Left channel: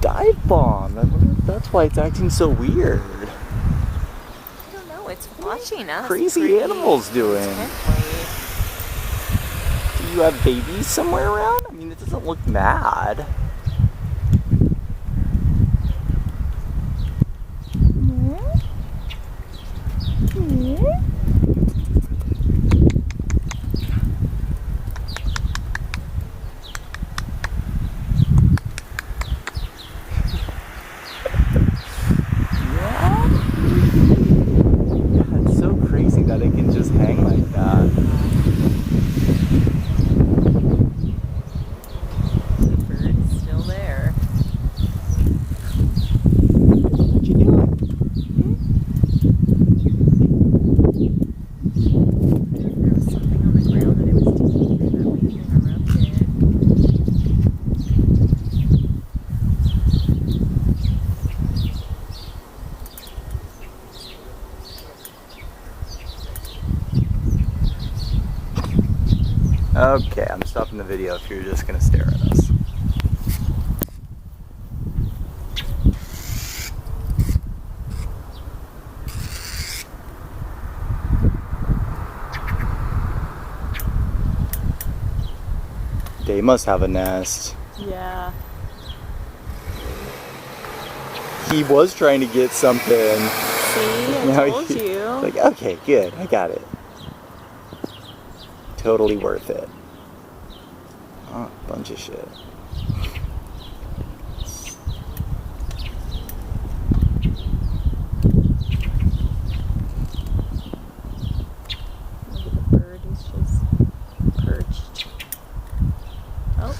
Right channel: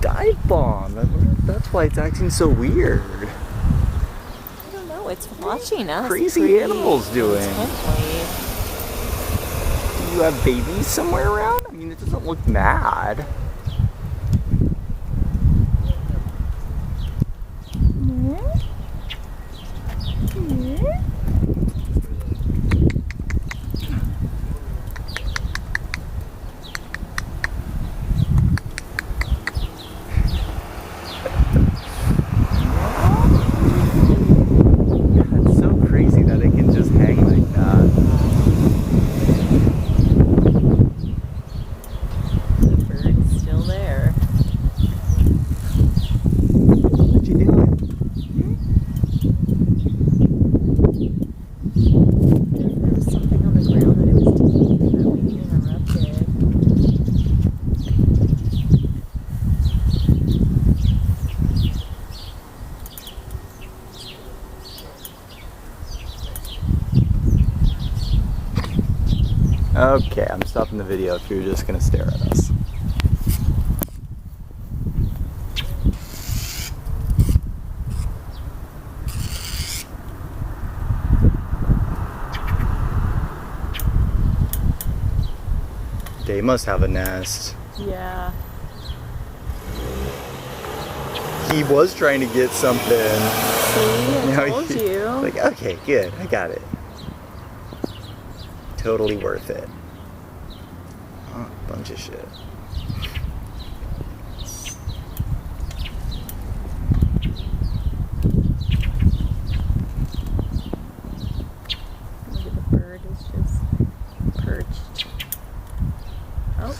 dive bomb. That's why it's acting so weird. I don't know. It's watching us. Crazy animals doing. Intently. You have babies somewhere around? I mean, it doesn't look mad. Yeah. Yeah. It's so crazy that it can just hang like that. The bird is still there. What you doing? If there was something on the ground that it was digging in that would have interrupted. Okay, I'm stopping the video if you're just gonna stare at us. They must have a nest. Yeah. He was trying to get something. See, I told you. Like, okay, good, I got it. Totally worth it. Oh, bunch of shit. Maybe the bird is just perched. Oh.